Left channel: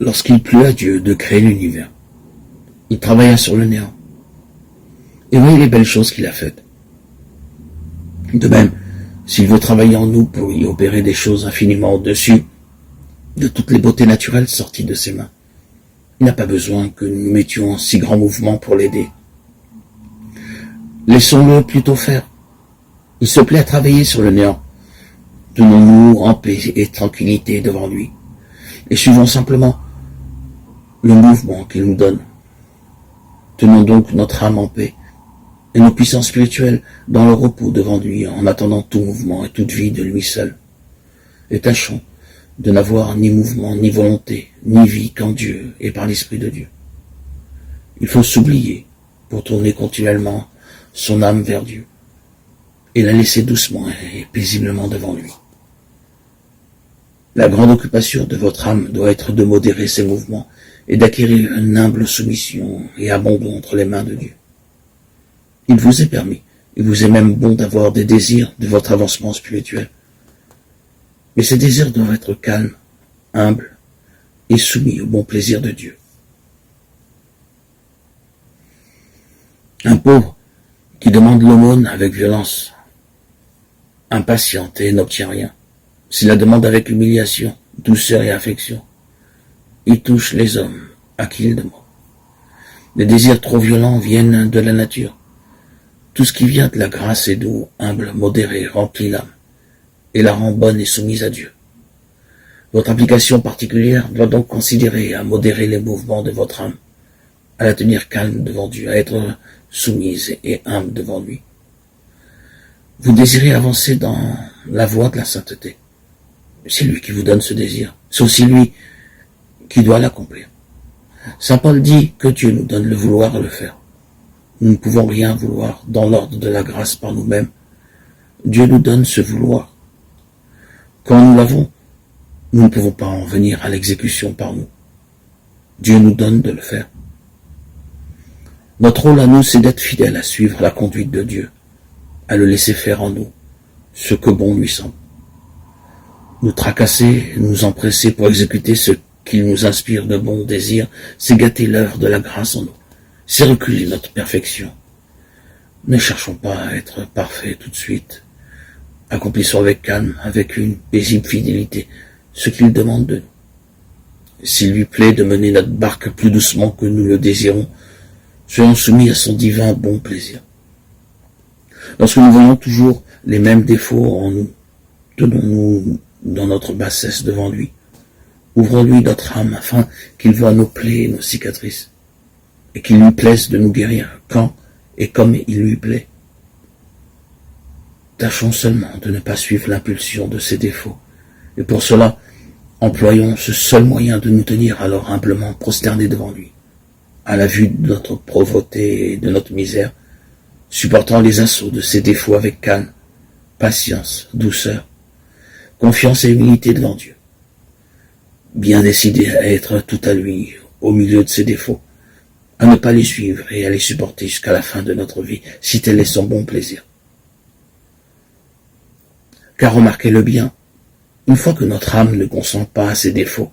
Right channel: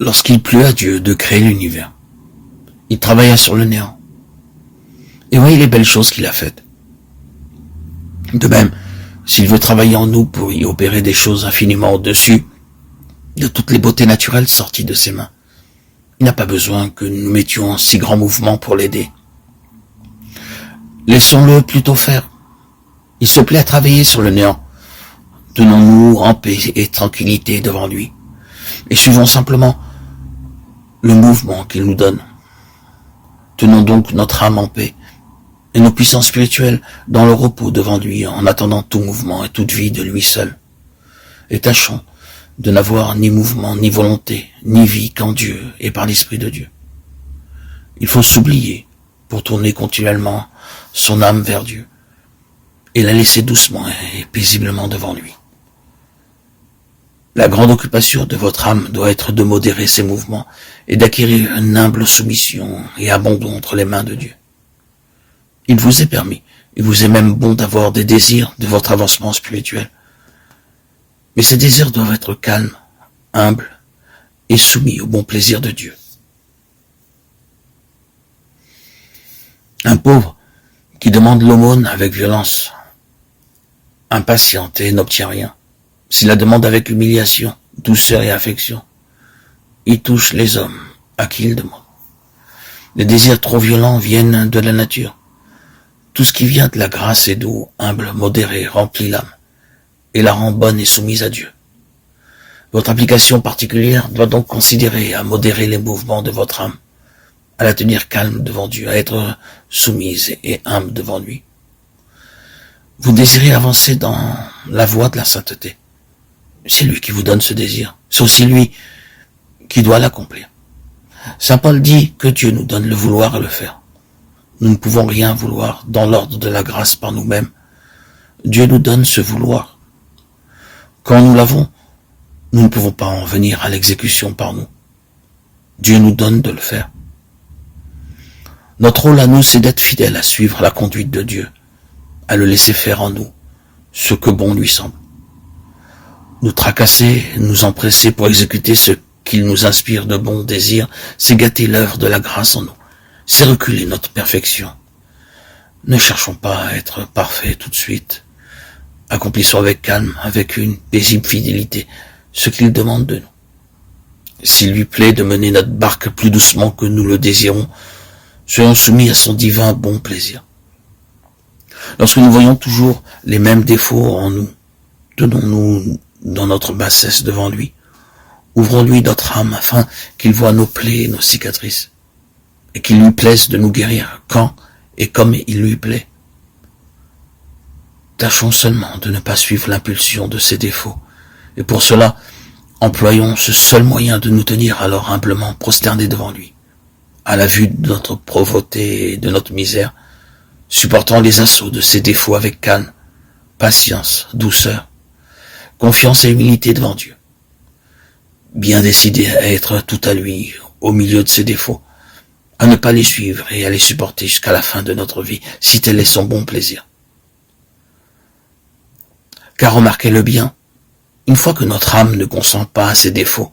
Lorsqu'il plut à Dieu de créer l'univers, il travailla sur le néant. Et voyez les belles choses qu'il a faites. De même, s'il veut travailler en nous pour y opérer des choses infiniment au-dessus de toutes les beautés naturelles sorties de ses mains, il n'a pas besoin que nous mettions en si grand mouvement pour l'aider. Laissons-le plutôt faire. Il se plaît à travailler sur le néant. Tenons-nous en paix et tranquillité devant lui, et suivons simplement le mouvement qu'il nous donne. Tenons donc notre âme en paix, et nos puissances spirituelles dans le repos devant lui, en attendant tout mouvement et toute vie de lui seul. Et tâchons de n'avoir ni mouvement, ni volonté, ni vie qu'en Dieu et par l'Esprit de Dieu. Il faut s'oublier pour tourner continuellement son âme vers Dieu, et la laisser doucement et paisiblement devant lui. La grande occupation de votre âme doit être de modérer ses mouvements et d'acquérir une humble soumission et abandon entre les mains de Dieu. Il vous est permis, il vous est même bon d'avoir des désirs de votre avancement spirituel. Mais ces désirs doivent être calmes, humbles et soumis au bon plaisir de Dieu. Un pauvre qui demande l'aumône avec violence, impatiente et n'obtient rien, s'il la demande avec humiliation, douceur et affection, il touche les hommes à qui il demande. Les désirs trop violents viennent de la nature. Tout ce qui vient de la grâce est doux, humble, modéré, remplit l'âme, et la rend bonne et soumise à Dieu. Votre application particulière doit donc considérer à modérer les mouvements de votre âme, à la tenir calme devant Dieu, à être soumise et humble devant lui. Vous désirez avancer dans la voie de la sainteté. C'est lui qui vous donne ce désir. C'est aussi lui qui doit l'accomplir. Saint Paul dit que Dieu nous donne le vouloir et le faire. Nous ne pouvons rien vouloir dans l'ordre de la grâce par nous-mêmes. Dieu nous donne ce vouloir. Quand nous l'avons, nous ne pouvons pas en venir à l'exécution par nous. Dieu nous donne de le faire. Notre rôle à nous, c'est d'être fidèles à suivre la conduite de Dieu, à le laisser faire en nous ce que bon lui semble. Nous tracasser, nous empresser pour exécuter ce qu'il nous inspire de bons désirs, c'est gâter l'œuvre de la grâce en nous, c'est reculer notre perfection. Ne cherchons pas à être parfaits tout de suite. Accomplissons avec calme, avec une paisible fidélité, ce qu'il demande de nous. S'il lui plaît de mener notre barque plus doucement que nous le désirons, soyons soumis à son divin bon plaisir. Lorsque nous voyons toujours les mêmes défauts en nous, tenons-nous dans notre bassesse devant lui. Ouvrons-lui notre âme afin qu'il voie nos plaies et nos cicatrices, et qu'il lui plaise de nous guérir quand et comme il lui plaît. Tâchons seulement de ne pas suivre l'impulsion de ses défauts, et pour cela, employons ce seul moyen de nous tenir alors humblement prosternés devant lui, à la vue de notre pauvreté et de notre misère, supportant les assauts de ses défauts avec calme, patience, douceur, confiance et humilité devant Dieu. Bien décidés à être tout à lui, au milieu de ses défauts, à ne pas les suivre et à les supporter jusqu'à la fin de notre vie, si tel est son bon plaisir. Car remarquez-le bien, une fois que notre âme ne consent pas à ses défauts,